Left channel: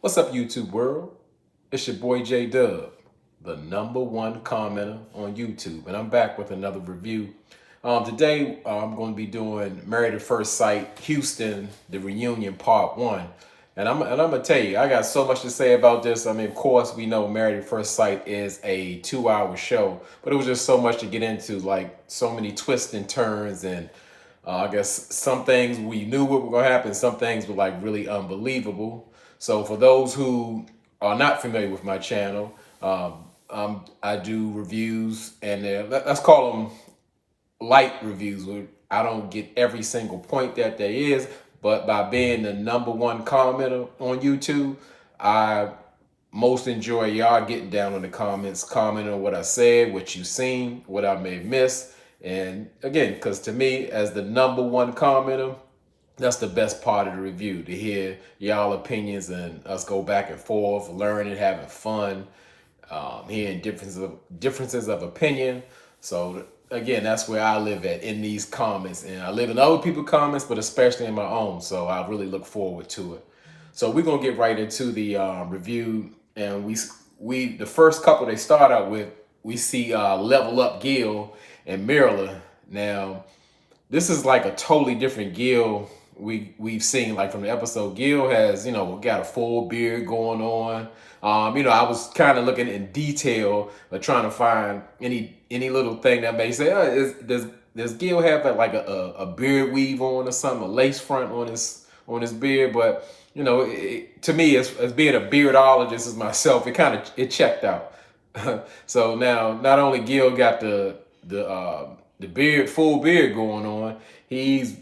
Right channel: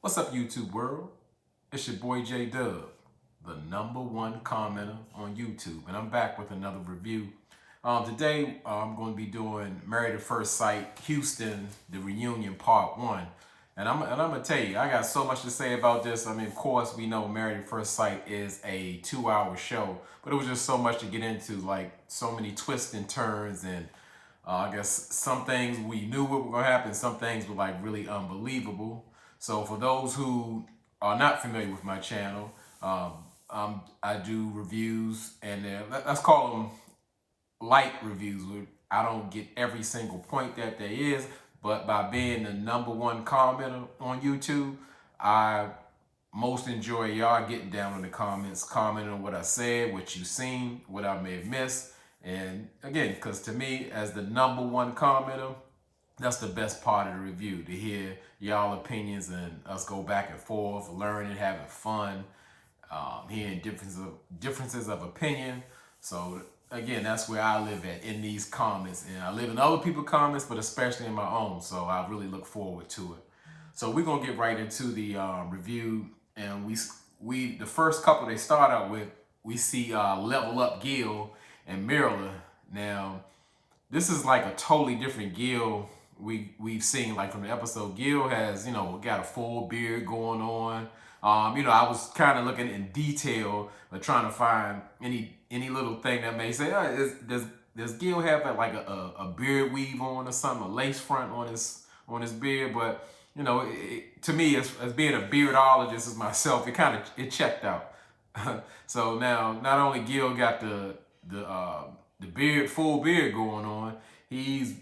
What's up, YouTube world? It's your boy J Dub, the #1 commenter on YouTube, and I'm back with another review. Today, I'm going to be doing Married at First Sight Houston, the reunion part one. And I'm gonna tell you, I got so much to say about this. I mean, of course, we know Married at First Sight is a 2-hour show, but it was just so much to get into, like so many twists and turns, and I guess some things we knew what were gonna happen, some things were like really unbelievable. So for those who are not familiar with my channel, I do reviews, and let's call them light reviews. Where I don't get every single point that there is, but by being the #1 commenter on YouTube, I most enjoy y'all getting down in the comments, commenting on what I said, what you seen, what I may have missed. And again, because to me, as the #1 commenter, that's the best part of the review, to hear y'all opinions and us go back and forth, learning, having fun, hearing differences of opinion. So again, that's where I live at, in these comments, and I live in other people's comments, but especially in my own. So I really look forward to it. So we're gonna get right into the review, and we the first couple they start out with, we see Level Up Gil and Myrla. Now this is like a totally different Gil we've seen, like from the episode. Gil has, got a full beard going on. I was kind of looking in detail, trying to find any little thing that may say, does Gil have like a beard weave on or something, a lace front on his beard? But to me, as being a beardologist as myself, it checked out. So now, not only Gil got the beard, full beard going on, he's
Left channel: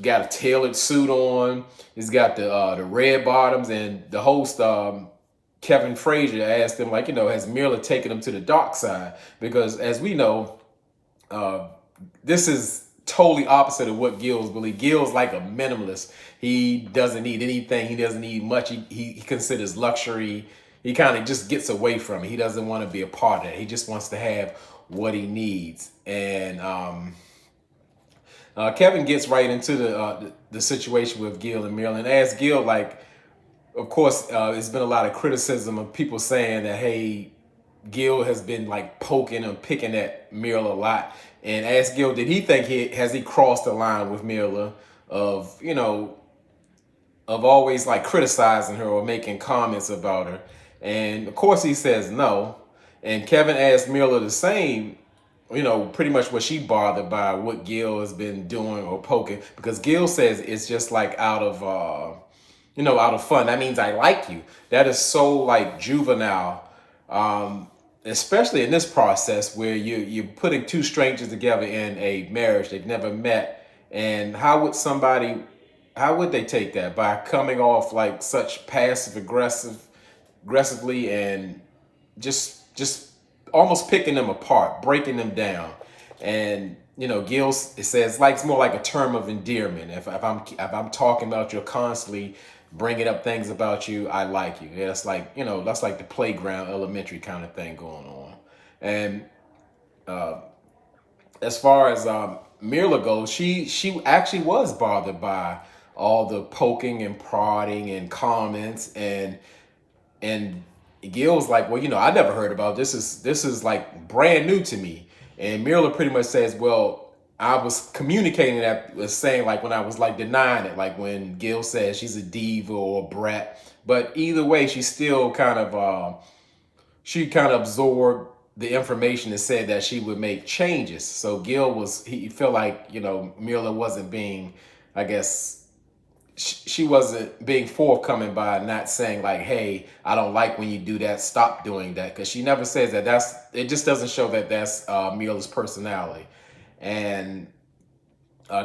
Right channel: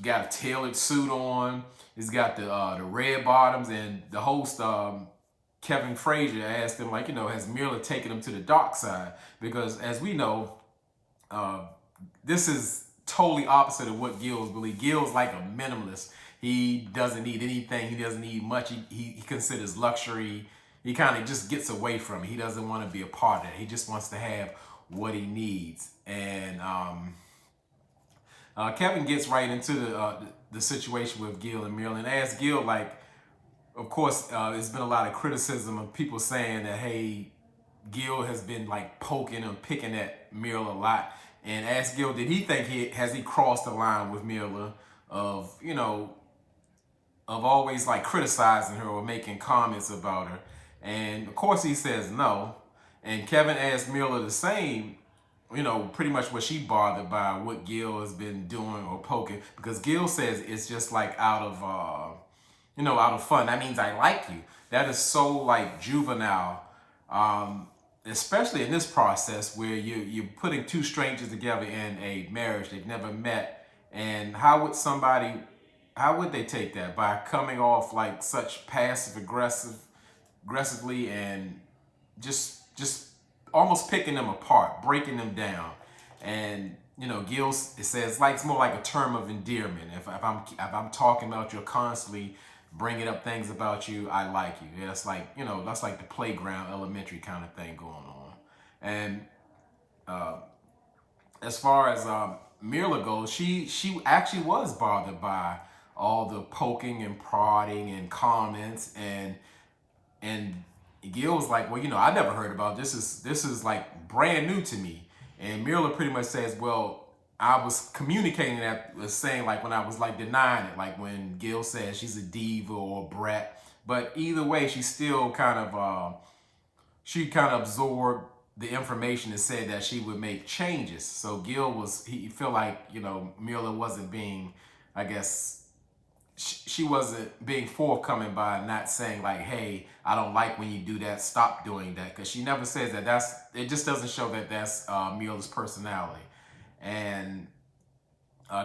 got a tailored suit on. He's got the red bottoms, and the host, Kevin Frazier, asked him, like, has Myrla taken him to the dark side? Because as we know, uh, this is totally opposite of what Gil's believe. Gil's like a minimalist. He doesn't need anything. He doesn't need much. He considers luxury. He kind of just gets away from it. He doesn't want to be a part of it. He just wants to have what he needs. And Kevin gets right into the situation with Gil and Myrla, and asks Gil, like, of course, there's been a lot of criticism of people saying that, hey, Gil has been like poking and picking at Myrla a lot, and asked Gil, did he think he crossed the line with Myrla of of always like criticizing her or making comments about her? And of course he says no. And Kevin asked Myrla the same, pretty much was she bothered by what Gil has been doing or poking? Because Gil says it's just like out of out of fun. That means I like you. That is so like juvenile, especially in this process where you're putting two strangers together in a marriage they've never met. And how would they take that? By coming off like such aggressively, and just almost picking them apart, breaking them down. And Gil, it says, like, it's more like a term of endearment. If I'm talking about you constantly, bringing up things about you, I like you. Yeah, that's like the playground, elementary kind of thing going on. And uh, as far as Myrla goes, she actually was bothered by all the poking and prodding and comments, and Gil's like, well, I never heard about this. Is like brand new to me. And Myrla pretty much says, well, I was communicating that, was saying, like, when I was like denying it, like when Gil says she's a diva or a brat. But either way, she kind of absorbed the information and said that she would make changes. So he felt like, Myrla wasn't being, I guess, she wasn't being forthcoming by not saying, like, hey, I don't like when you do that, stop doing that. Because she never says that. It just doesn't show that that's Myrla's personality. And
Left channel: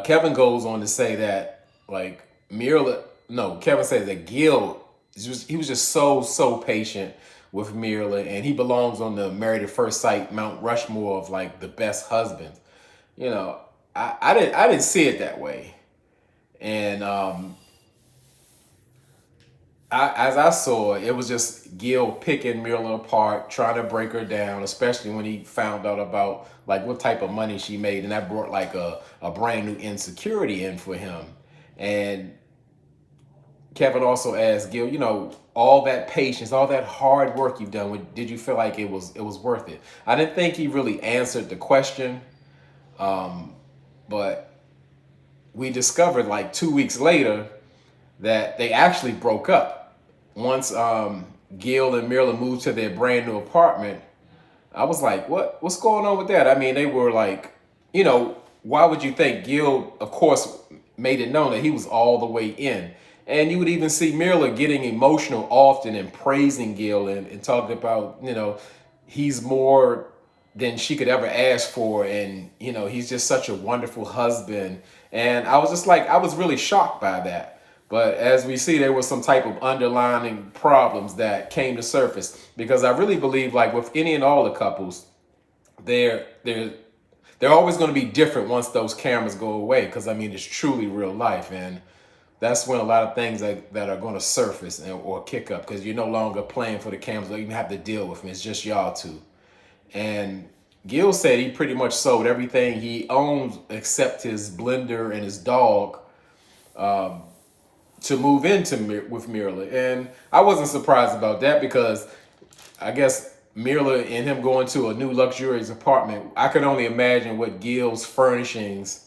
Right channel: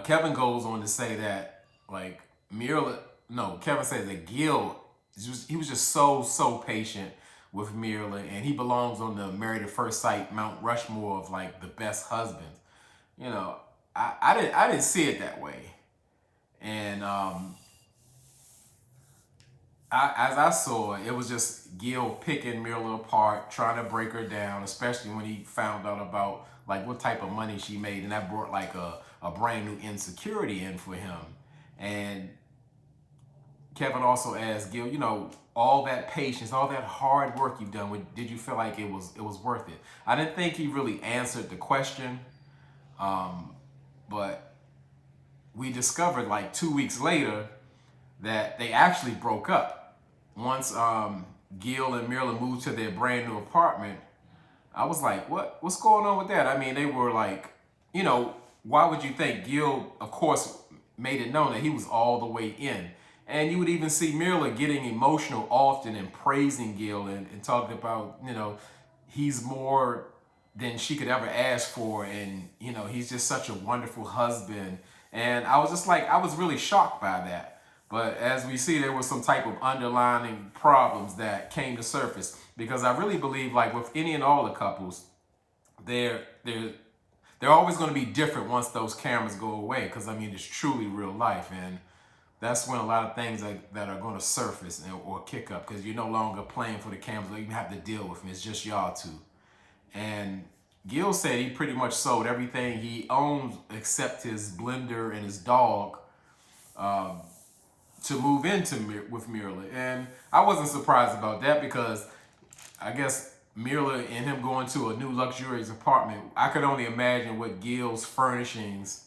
Kevin goes on to say that, like, Kevin says that Gil, he was just so patient with Myrla, and he belongs on the Married at First Sight Mount Rushmore of like the best husbands. I didn't see it that way. And as I saw it, it was just Gil picking Myrla apart, trying to break her down, especially when he found out about like what type of money she made, and that brought like a brand new insecurity in for him. And Kevin also asked Gil, all that patience, all that hard work you've done, did you feel like it was worth it? I didn't think he really answered the question, but we discovered like 2 weeks later that they actually broke up. Once Gil and Myrla moved to their brand new apartment, I was like, what's going on with that? I mean, they were like, why would you think? Gil, of course, made it known that he was all the way in. And you would even see Myrla getting emotional often and praising Gil and talking about, he's more than she could ever ask for. And, he's just such a wonderful husband. And I was just like, I was really shocked by that. But as we see, there was some type of underlying problems that came to surface, because I really believe, like with any and all the couples, they're always going to be different once those cameras go away. Because I mean, it's truly real life, and that's when a lot of things that are going to surface or kick up, because you're no longer playing for the cameras or even have to deal with them. It's just y'all two. And Gil said he pretty much sold everything he owns except his blender and his dog, to move into with Myrla. And I wasn't surprised about that, because I guess Myrla and him going to a new luxurious apartment, I could only imagine what Gil's furnishings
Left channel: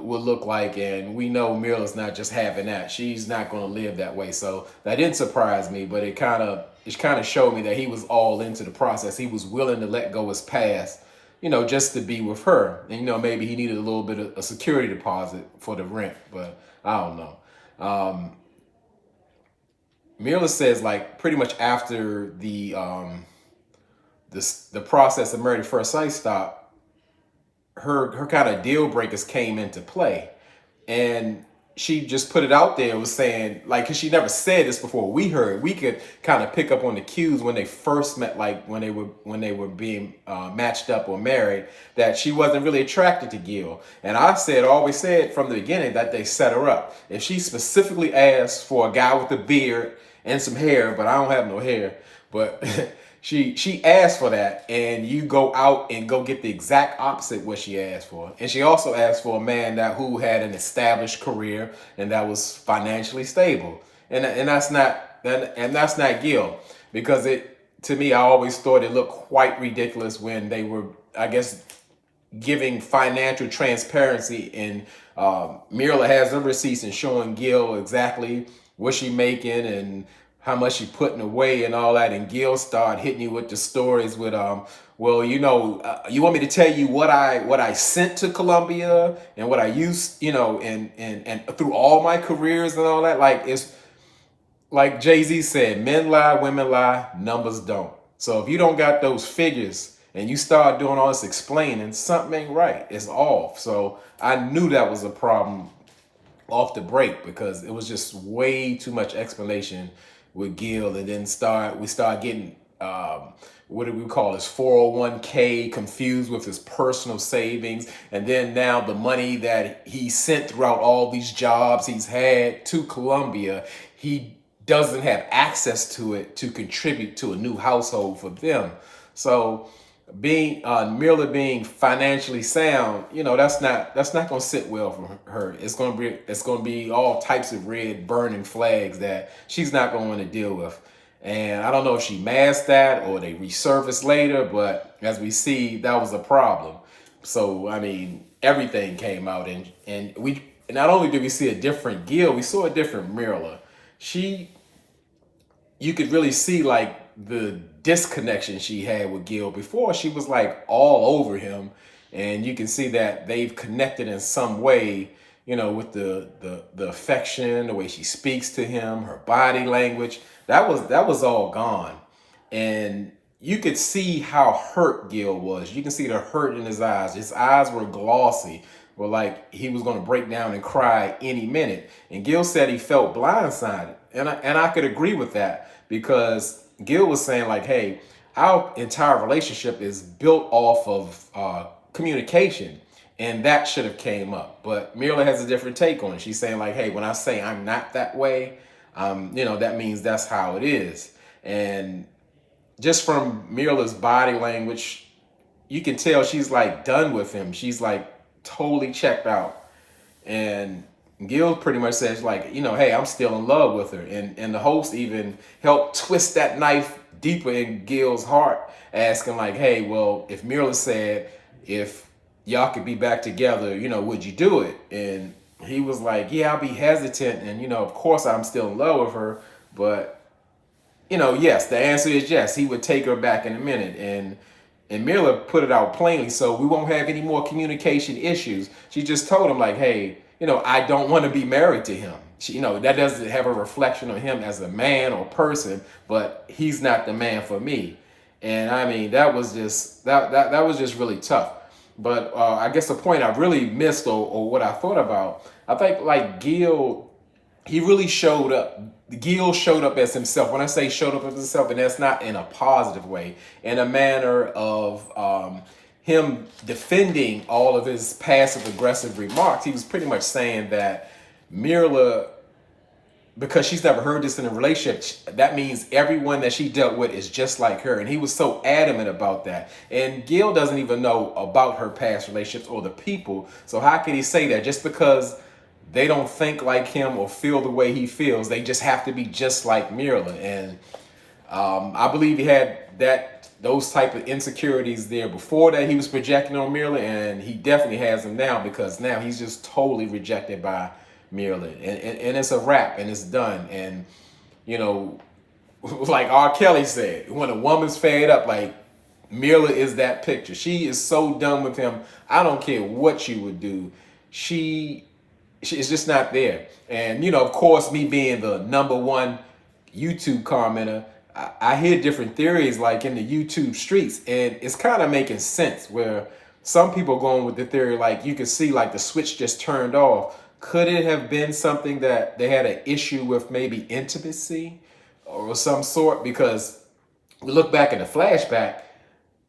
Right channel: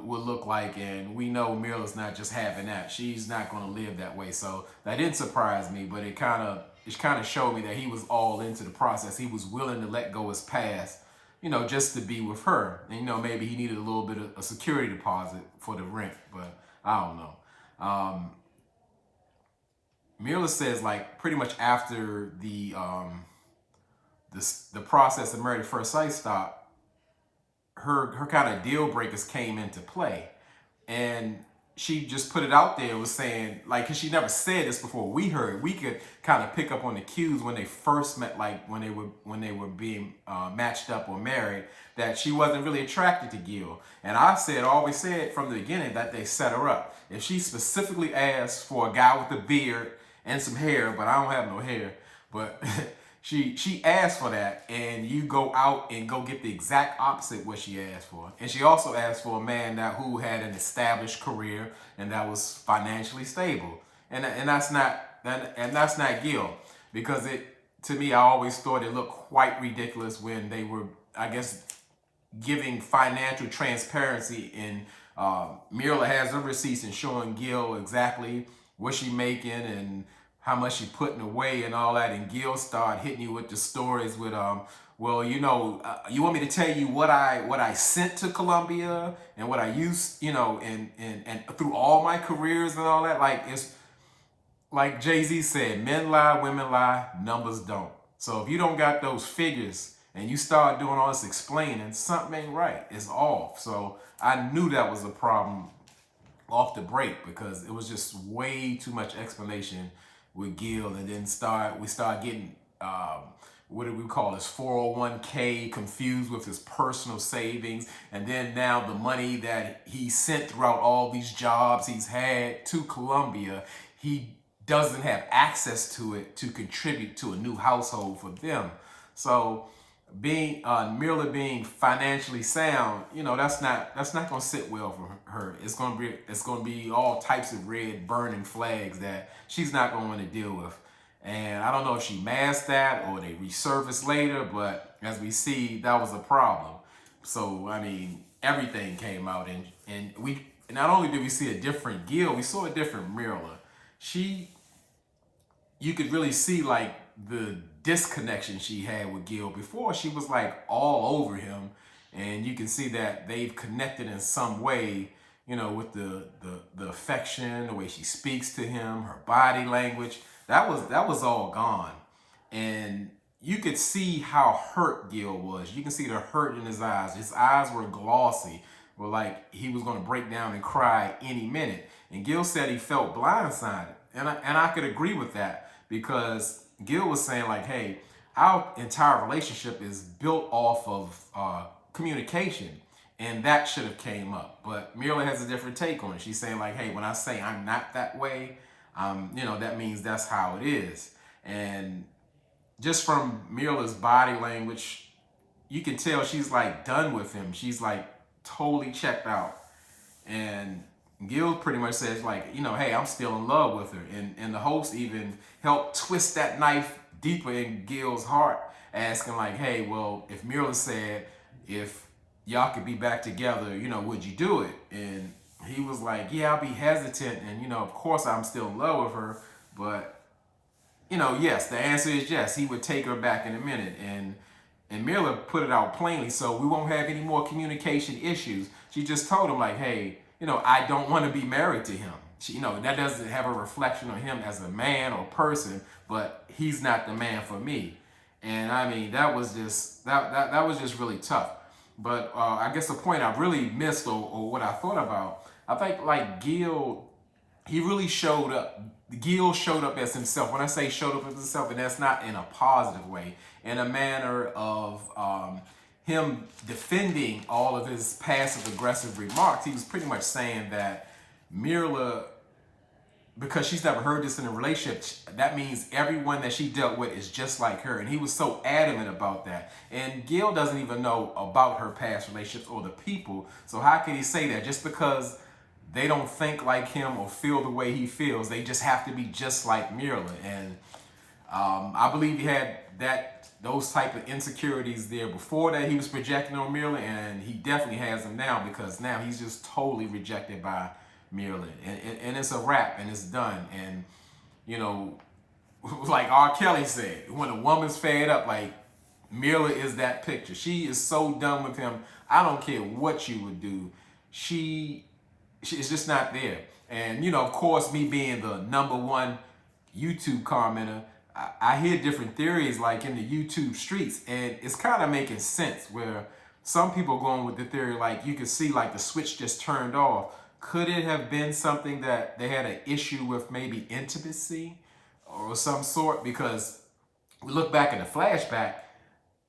would look like. And we know Myrla's not just having that. She's not going to live that way. So that didn't surprise me, but it kind of showed me that he was all into the process. He was willing to let go his past, just to be with her. And, maybe he needed a little bit of a security deposit for the rent, but I don't know. Myrla says, like, pretty much after the process of Married at First Sight stopped, her kind of deal breakers came into play, and she just put it out there and was saying, like, because she never said this before. We could kind of pick up on the cues when they first met, like when they were being matched up or married, that she wasn't really attracted to Gil. And I always said from the beginning that they set her up. If she specifically asked for a guy with a beard and some hair, but I don't have no hair, but she asked for that, and you go out and go get the exact opposite what she asked for. And she also asked for a man who had an established career and that was financially stable. And that's not Gil, because to me, I always thought it looked quite ridiculous when they were, I guess, giving financial transparency, and Myrla has her receipts and showing Gil exactly what she making and how much she putting away and all that. And Gil started hitting you with the stories with, well, you want me to tell you what I sent to Colombia and what I used, and through all my careers and all that. Like, it's like Jay-Z said, men lie, women lie, numbers don't. So if you don't got those figures and you start doing all this explaining, something ain't right. It's off. So I knew that was a problem off the break, because it was just way too much explanation with Gil. And then we start getting what do we call his 401k confused with his personal savings. And then now the money that he sent throughout all these jobs he's had to Colombia, he doesn't have access to it to contribute to a new household for them. So Myrla being financially sound, that's not going to sit well for her. It's going to be all types of red burning flags that she's not going to want to deal with. And I don't know if she masked that or they resurfaced later, but as we see, that was a problem. So I mean, everything came out, and we not only did we see a different Gil, we saw a different Myrla. You could really see like the disconnection she had with Gil. Before, she was like all over him, and you can see that they've connected in some way, with the affection, the way she speaks to him, her body language. That was all gone. And you could see how hurt Gil was. You can see the hurt in his eyes. His eyes were glossy, were like he was going to break down and cry any minute. And Gil said he felt blindsided, and I could agree with that, because Gil was saying like, hey, our entire relationship is built off of communication, and that should have came up. But Myrla has a different take on it. She's saying like, hey, when I say I'm not that way, that means that's how it is. And just from Myrla's body language, you can tell she's like done with him. She's like totally checked out. And Gil pretty much says like, hey, I'm still in love with her. And the host even helped twist that knife deeper in Gil's heart, asking like, hey, well, if Myrla said if y'all could be back together, would you do it? And he was like, yeah, I'll be hesitant. And, of course I'm still in love with her. But, yes, the answer is yes. He would take her back in a minute. And Myrla put it out plainly, so we won't have any more communication issues. She just told him like, hey, I don't want to be married to him. She, that doesn't have a reflection on him as a man or person, but he's not the man for me. And I mean, that was just that was just really tough. But I guess the point I really missed, or what I thought about, I think like Gil, he really showed up. Gil showed up as himself. When I say showed up as himself, and that's not in a positive way, in a manner of him defending all of his passive aggressive remarks. He was pretty much saying that Myrla, because she's never heard this in a relationship, that means everyone that she dealt with is just like her. And he was so adamant about that. And Gil doesn't even know about her past relationships or the people. So how can he say that? Just because they don't think like him or feel the way he feels, they just have to be just like Myrla. And I believe he had those type of insecurities there before that he was projecting on Myrla, and he definitely has them now, because now he's just totally rejected by Myrla, and it's a wrap, and it's done. And like R. Kelly said, when a woman's fed up, like Myrla is that picture. She is so done with him. I don't care what you would do. She's just not there. And of course, me being the #1 YouTube commenter, I hear different theories like in the YouTube streets, and it's kind of making sense, where some people are going with the theory like you can see like the switch just turned off. Could it have been something that they had an issue with, maybe intimacy or some sort? Because we look back in the flashback,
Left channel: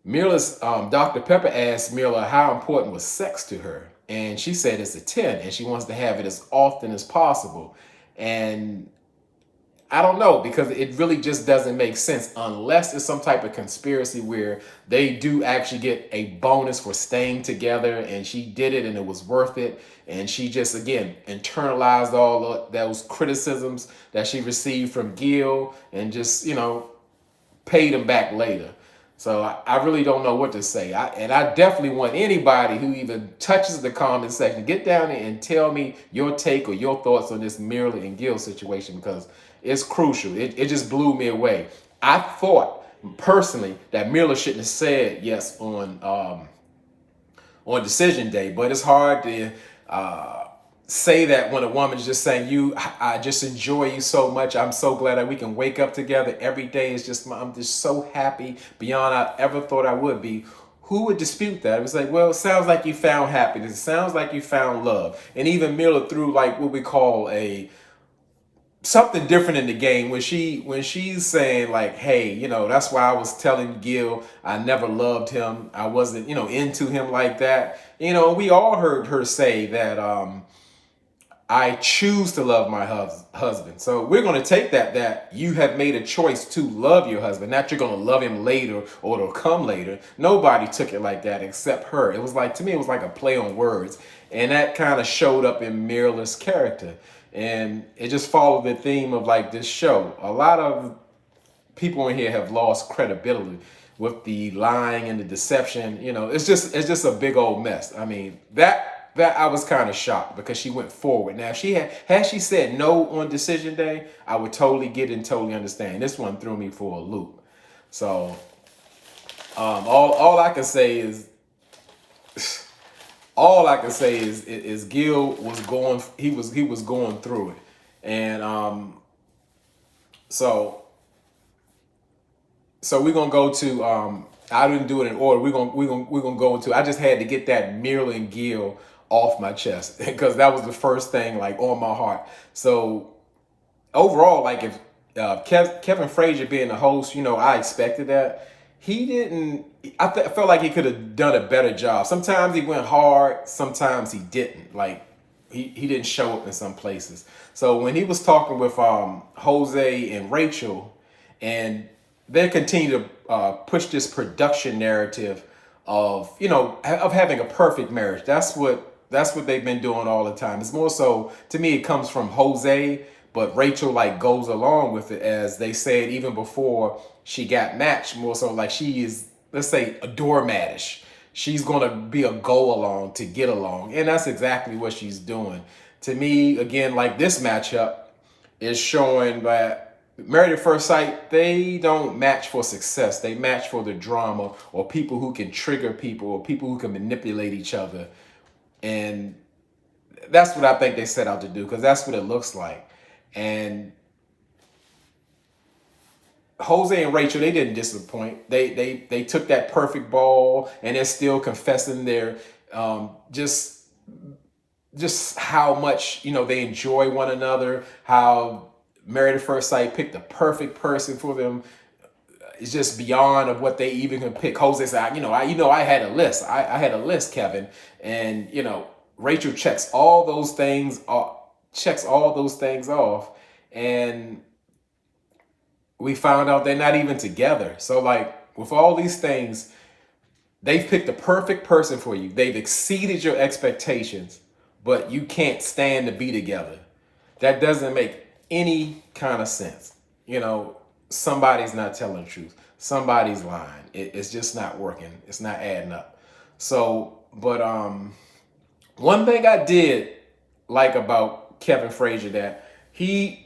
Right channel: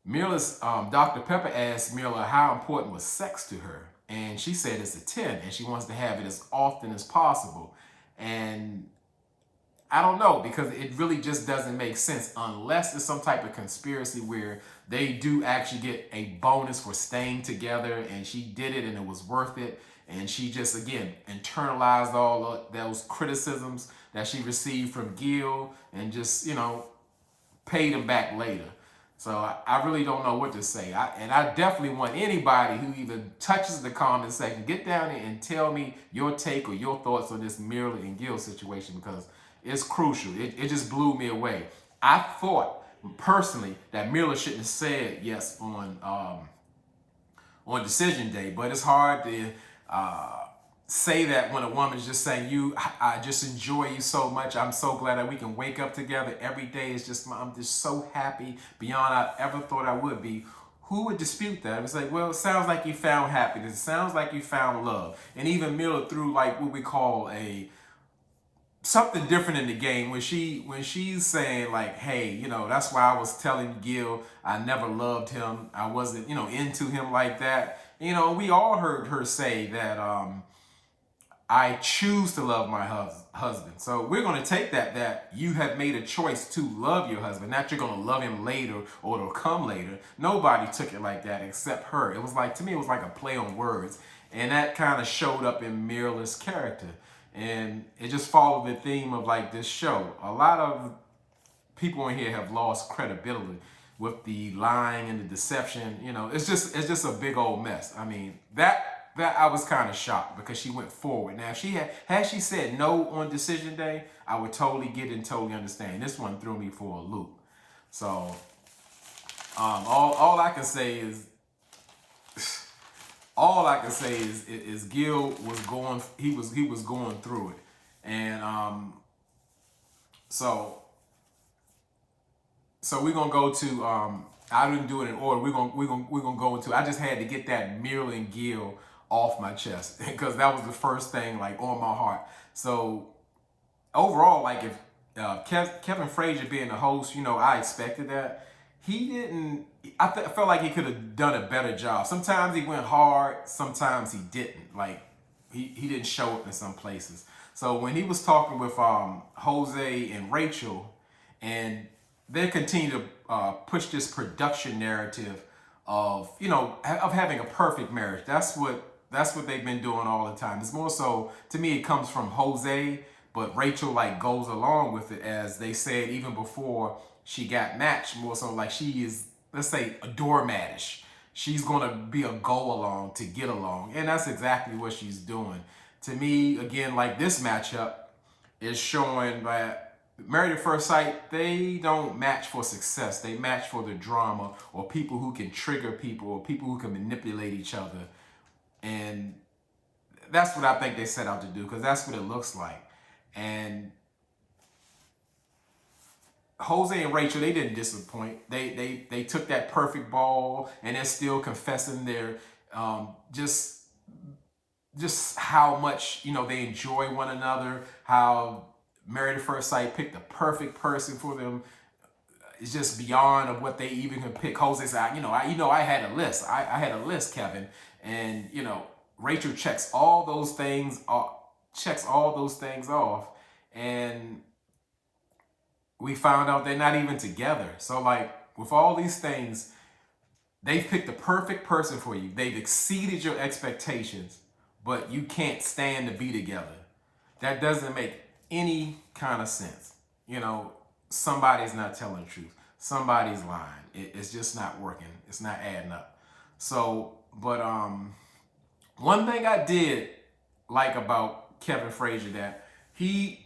Myrla's Dr. Pepper asked Myrla how important was sex to her, and she said it's a 10, and she wants to have it as often as possible. And I don't know, because it really just doesn't make sense unless it's some type of conspiracy where they do actually get a bonus for staying together, and she did it and it was worth it. And she just, again, internalized all of those criticisms that she received from Gil and just, paid him back later. So I really don't know what to say. And I definitely want anybody who even touches the comment section, get down there and tell me your take or your thoughts on this Myrla and Gil situation, because it's crucial. It just blew me away. I thought personally that Myrla shouldn't have said yes on decision day, but it's hard to say that when a woman's just saying, I just enjoy you so much. I'm so glad that we can wake up together every day. I'm just so happy beyond I ever thought I would be. Who would dispute that? It was like, well, it sounds like you found happiness. It sounds like you found love. And even Myrla threw like what we call something different in the game when she's saying like, hey, that's why I was telling Gil I never loved him. I wasn't, into him like that. We all heard her say that I choose to love my husband. So we're going to take that you have made a choice to love your husband, not you're going to love him later or it'll come later. Nobody took it like that except her. It was like, to me, it was like a play on words. And that kind of showed up in Myrla's character. And it just followed the theme of like this show. A lot of people in here have lost credibility with the lying and the deception. It's just a big old mess. I mean, that I was kind of shocked, because she went forward. Now, if she had she said no on decision day, I would totally get and totally understand. This one threw me for a loop. So all I can say is Gil was going. He was going through it, and so we're gonna go to I didn't do it in order. We're gonna go into. I just had to get that Myrla and Gil off my chest, because that was the first thing like on my heart. So overall, like if Kevin Frazier being the host, I expected that. He didn't. I felt like he could have done a better job. Sometimes he went hard, sometimes he didn't. Like he didn't show up in some places. So when he was talking with Jose and Rachel, and they continue to push this production narrative of of having a perfect marriage. That's what That's what they've been doing all the time. It's more so, to me, it comes from Jose, but Rachel like goes along with it, as they said even before she got matched. More so like she is, let's say, a doormatish. She's gonna be a go along to get along, and that's exactly what she's doing. To me, again, like this matchup is showing that Married at First Sight, they don't match for success. They match for the drama, or people who can trigger people, or people who can manipulate each other. And that's what I think they set out to do, because that's what it looks like. And Jose and Rachel, they didn't disappoint. They took that perfect ball, and they're still confessing their just how much, you know, they enjoy one another, how Married at First Sight picked the perfect person for them. It's just beyond of what they even can pick. Jose said, I had a list. I had a list, Kevin. And, you know, Rachel checks all those things off. And we found out they're not even together. So like with all these things, they've picked the perfect person for you. They've exceeded your expectations, but you can't stand to be together. That doesn't make any kind of sense. You know, somebody's not telling the truth. Somebody's lying. It's just not working. It's not adding up. So, but one thing I did like about Kevin Frazier, that he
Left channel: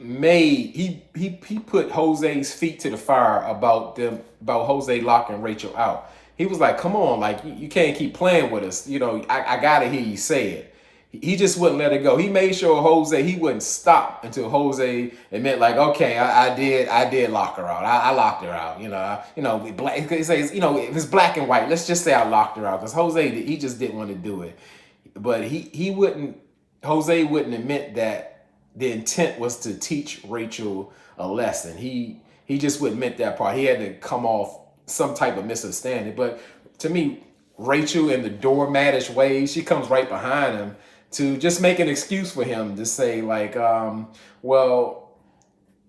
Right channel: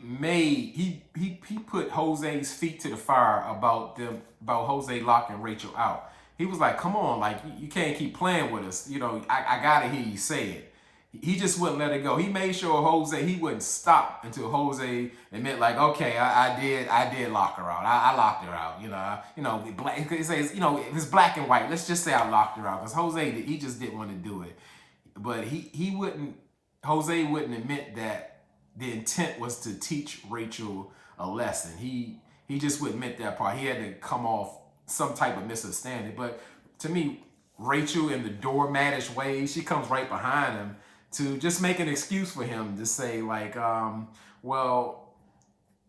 put Jose's feet to the fire about Jose locking Rachel out. He was like, come on, like you can't keep playing with us. You know, I gotta hear you say it. He just wouldn't let it go. He made sure Jose, he wouldn't stop until Jose admit, like, okay, I did lock her out. I locked her out. He says, if it's black and white, let's just say I locked her out, because Jose, he just didn't want to do it. But Jose wouldn't admit that the intent was to teach Rachel a lesson. He just wouldn't admit that part. He had to come off some type of misunderstanding. But to me, Rachel, in the doormatish way, she comes right behind him to just make an excuse for him to say, like, well,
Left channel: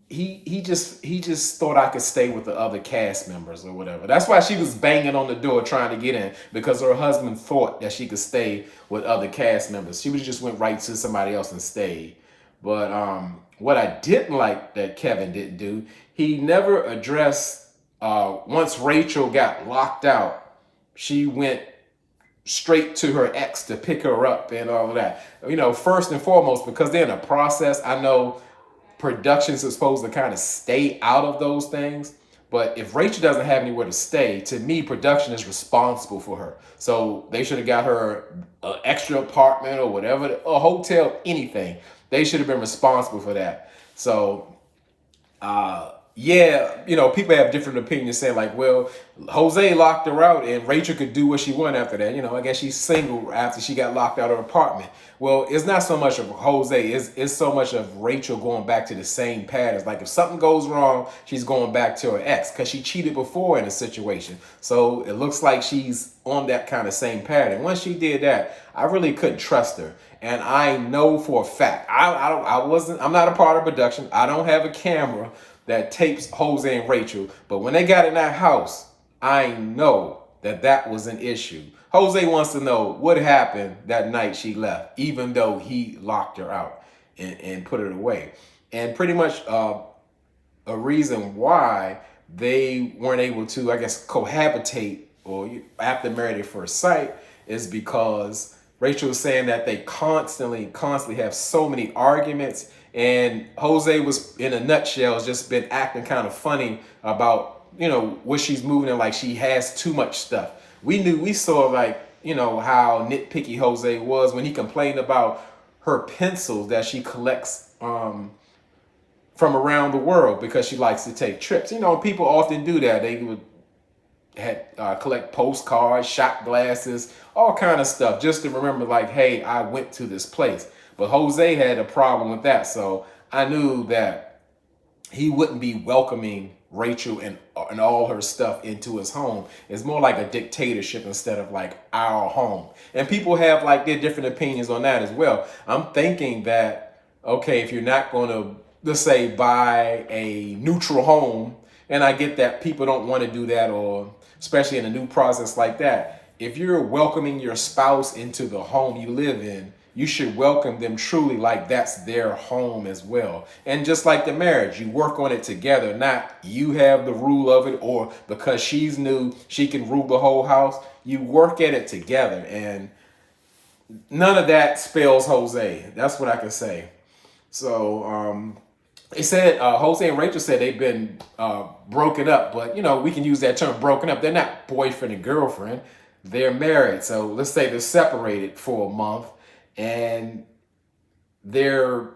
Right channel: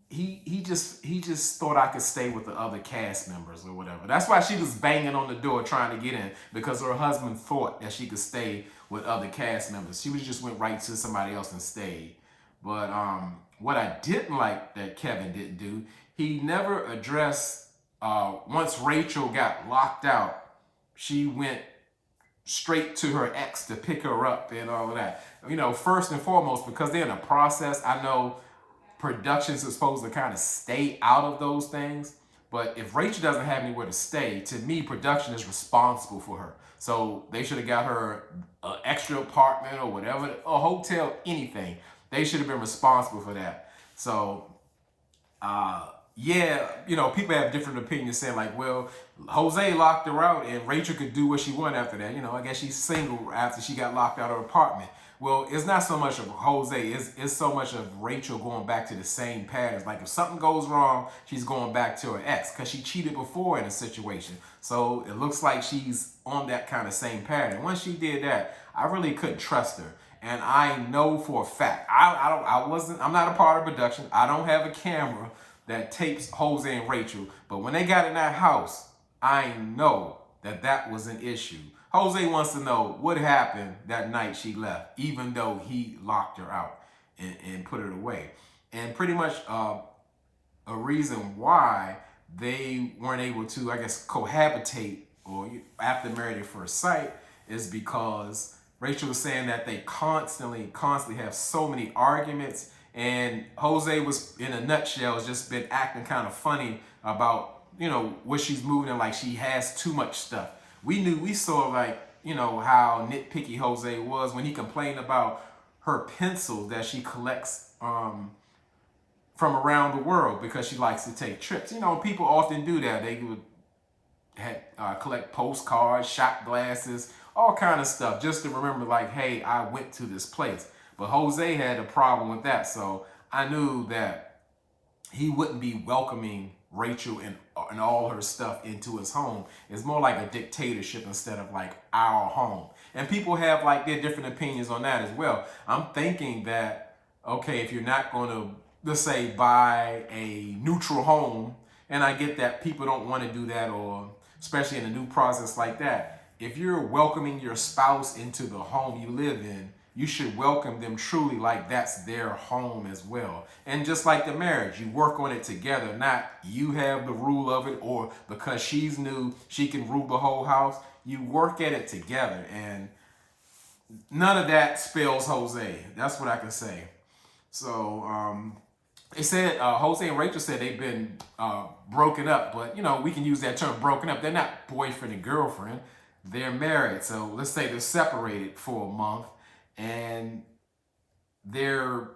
he just thought I could stay with the other cast members or whatever. That's why she was banging on the door trying to get in, because her husband thought that she could stay with other cast members. She just went right to somebody else and stayed. But what I didn't like that Kevin didn't do, he never addressed, once Rachel got locked out, she went straight to her ex to pick her up and all of that. First and foremost, because they're in a process, I know productions are supposed to kind of stay out of those things. But if Rachel doesn't have anywhere to stay, to me, production is responsible for her. So they should have got her an extra apartment or whatever, a hotel, anything. They should have been responsible for that. So, yeah, people have different opinions, saying like, well, Jose locked her out and Rachel could do what she wanted after that. I guess she's single after she got locked out of her apartment. Well, it's not so much of Jose, it's so much of Rachel going back to the same patterns. Like if something goes wrong, she's going back to her ex, because she cheated before in a situation. So it looks like she's on that kind of same pattern. Once she did that, I really couldn't trust her. And I know for a fact, I'm not a part of production. I don't have a camera that tapes Jose and Rachel. But when they got in that house, I know that was an issue. Jose wants to know what happened that night she left, even though he locked her out and put her away. And pretty much a reason why they weren't able to, I guess, cohabitate or after Married at First Sight is because Rachel was saying that they constantly have so many arguments, and Jose was, in a nutshell, has just been acting kind of funny about, what she's moving in, like she has too much stuff. We saw like, how nitpicky Jose was when he complained about her pencils that she collects from around the world because she likes to take trips. People often do that. They would collect postcards, shot glasses, all kind of stuff, just to remember, like, hey, I went to this place. But Jose had a problem with that, so I knew that he wouldn't be welcoming Rachel and all her stuff into his home. It's more like a dictatorship instead of like our home. And people have like their different opinions on that as well. I'm thinking that, okay, if you're not going to, let's say, buy a neutral home, and I get that people don't want to do that, or especially in a new process like that, if you're welcoming your spouse into the home you live in, you should welcome them truly like that's their home as well. And just like the marriage, you work on it together, not you have the rule of it, or because she's new, she can rule the whole house. You work at it together, and none of that spells Jose. That's what I can say. So they said Jose and Rachel said they've been broken up, but we can use that term broken up. They're not boyfriend and girlfriend. They're married. So let's say they're separated for a month, and they're,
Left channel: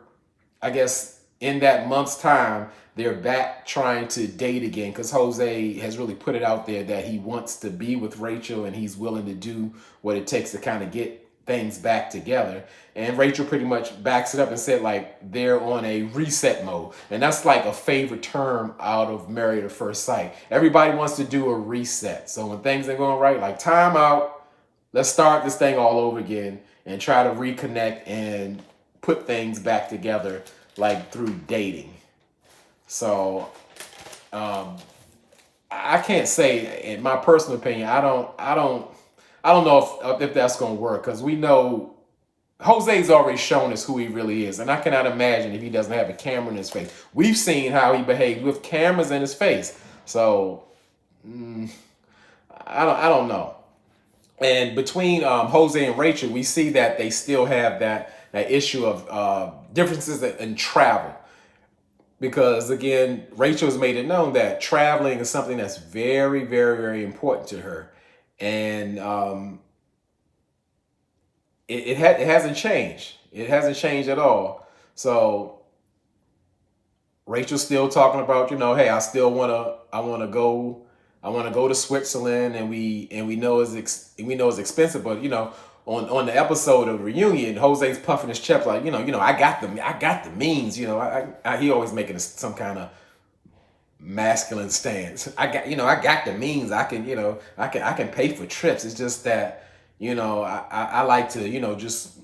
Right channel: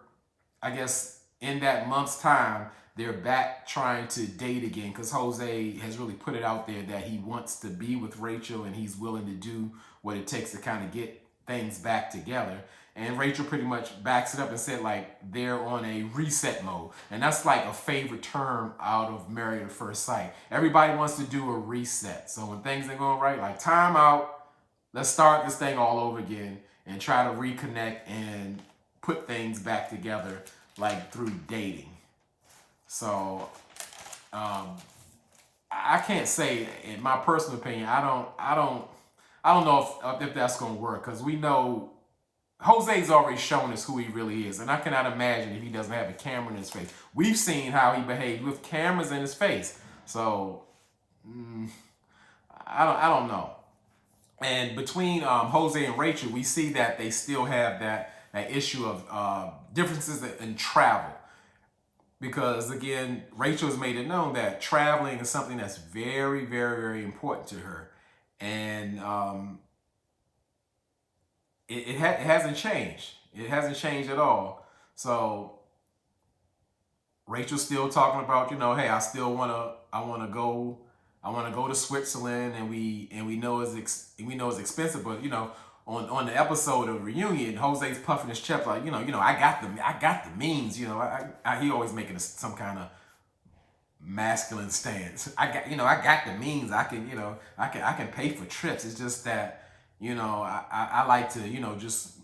I guess, in that month's time, they're back trying to date again because Jose has really put it out there that he wants to be with Rachel and he's willing to do what it takes to kind of get things back together. And Rachel pretty much backs it up and said like they're on a reset mode. And that's like a favorite term out of Married at First Sight. Everybody wants to do a reset. So when things ain't going right, like time out, let's start this thing all over again and try to reconnect and put things back together like through dating. So I can't say, in my personal opinion, I don't know if that's gonna work, because we know Jose's already shown us who he really is, and I cannot imagine if he doesn't have a camera in his face. We've seen how he behaved with cameras in his face, so I don't know. And between Jose and Rachel, we see that they still have that issue of differences in travel. Because again, Rachel has made it known that traveling is something that's very, very, very important to her. And it hasn't changed. It hasn't changed at all. So Rachel's still talking about, hey, I want to go to Switzerland, and we know it's expensive, but on the episode of Reunion, Jose's puffing his chest like, I got the means, he always making some kind of masculine stance. I got the means. I can pay for trips. It's just that, I like to, just,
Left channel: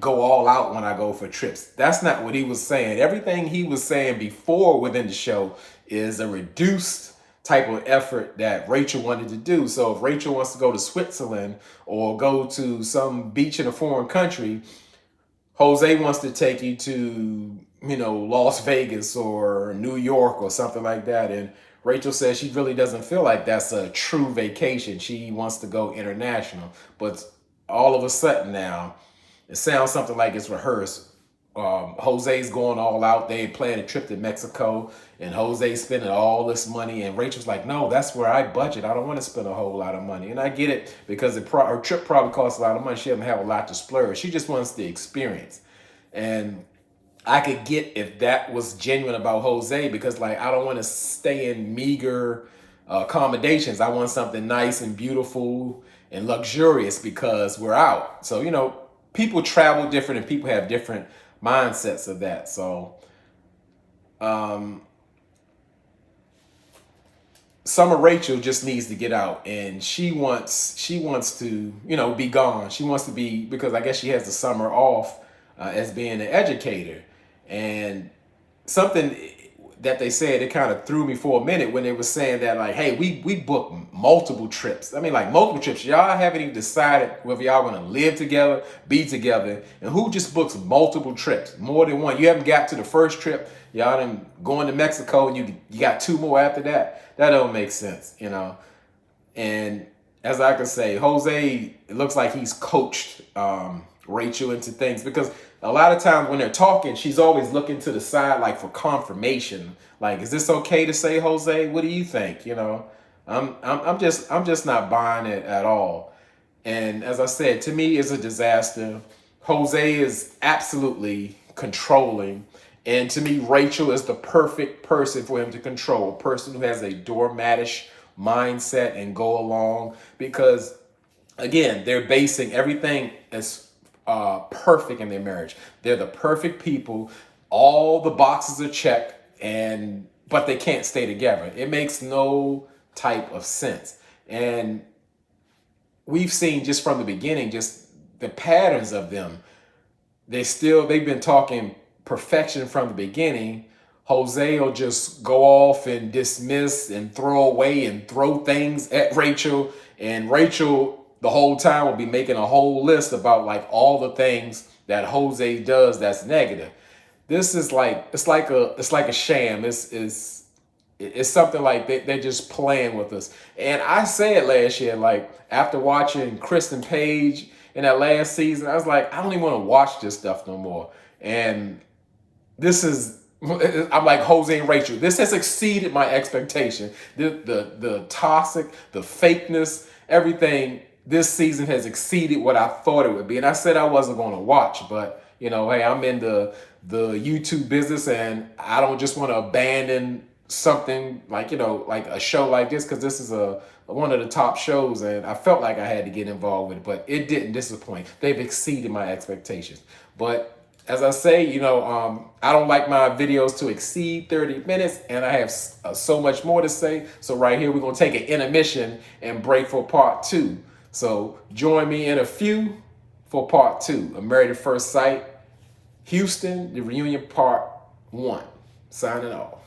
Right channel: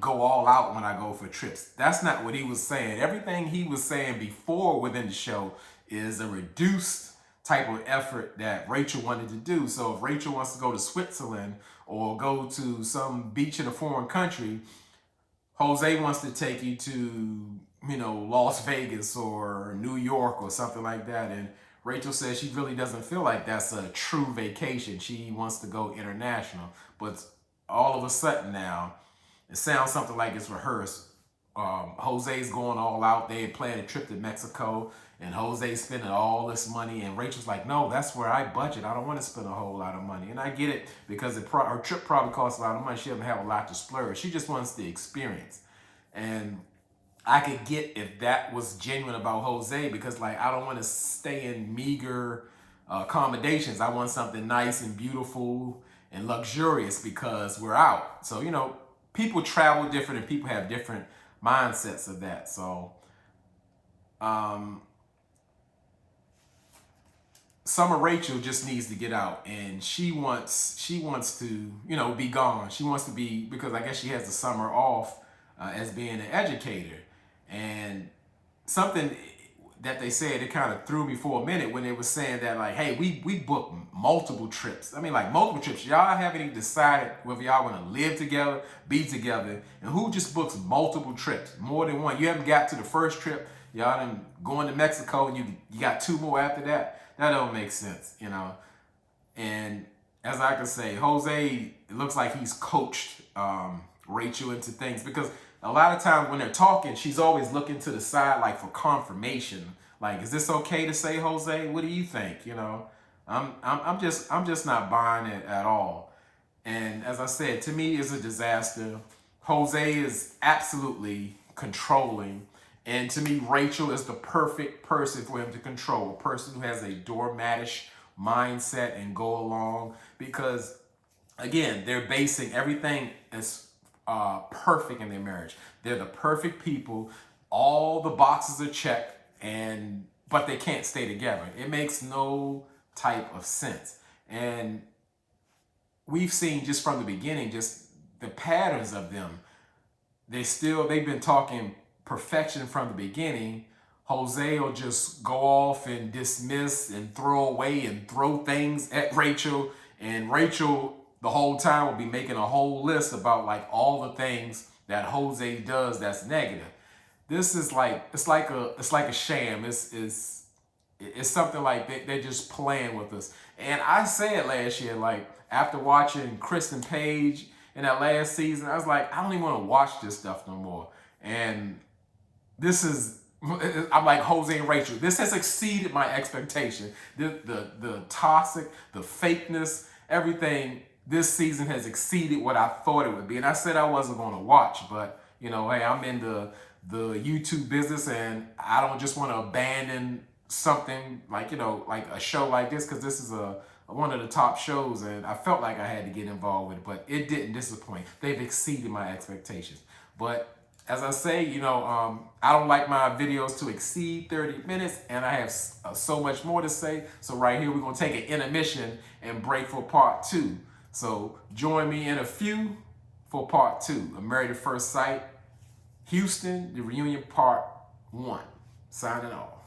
go all out when I go for trips. That's not what he was saying. Everything he was saying before within the show is a reduced type of effort that Rachel wanted to do. So if Rachel wants to go to Switzerland or go to some beach in a foreign country, Jose wants to take you to, Las Vegas or New York or something like that. And Rachel says she really doesn't feel like that's a true vacation. She wants to go international. But all of a sudden now, it sounds something like it's rehearsed. Jose's going all out. They planned a trip to Mexico, and Jose's spending all this money. And Rachel's like, no, that's where I budget. I don't want to spend a whole lot of money. And I get it, because her trip probably costs a lot of money. She doesn't have a lot to splurge. She just wants the experience. And I could get if that was genuine about Jose, because like, I don't want to stay in meager accommodations. I want something nice and beautiful and luxurious because we're out. So, people travel different and people have different mindsets of that. So Summer Rachel just needs to get out, and she wants to be gone. She wants to be, because I guess she has the summer off as being an educator. And something that they said, it kind of threw me for a minute when they were saying that, like, hey, we booked multiple trips. I mean, like, multiple trips. Y'all haven't even decided whether y'all want to live together, be together. And who just books multiple trips? More than one. You haven't got to the first trip. Y'all done going to Mexico, and you got two more after that. That don't make sense, And as I can say, Jose, it looks like he's coached Rachel into things, because a lot of times when they're talking, she's always looking to the side, like for confirmation. Like, is this okay to say, Jose? What do you think? I'm just not buying it at all. And as I said, to me, it's a disaster. Jose is absolutely controlling. And to me, Rachel is the perfect person for him to control. A person who has a doormatish mindset and go along. Because, again, they're basing everything as perfect in their marriage. They're the perfect people. All the boxes are checked, but they can't stay together. It makes no type of sense. And we've seen just from the beginning, just the patterns of them. They've been talking perfection from the beginning. Jose will just go off and dismiss and throw away and throw things at Rachel. And Rachel the whole time will be making a whole list about like all the things that Jose does that's negative. This is like it's like a sham. It's something like they're just playing with us. And I said last year, like after watching Kristen Page in that last season, I was like, I don't even want to watch this stuff no more. And this is, I'm like Jose and Rachel. This has exceeded my expectation. The toxic, the fakeness, everything this season has exceeded what I thought it would be. And I said I wasn't going to watch, but you know, hey, I'm in the YouTube business, and I don't just want to abandon something like, you know, like a show like this, because this is one of the top shows, and I felt like I had to get involved with it, but it didn't disappoint. They've exceeded my expectations. But as I say, you know, I don't like my videos to exceed 30 minutes, and I have so much more to say. So right here, we're going to take an intermission and break for part 2. So join me in a few for part 2 of Married at First Sight, Houston, the reunion part 1. Signing off.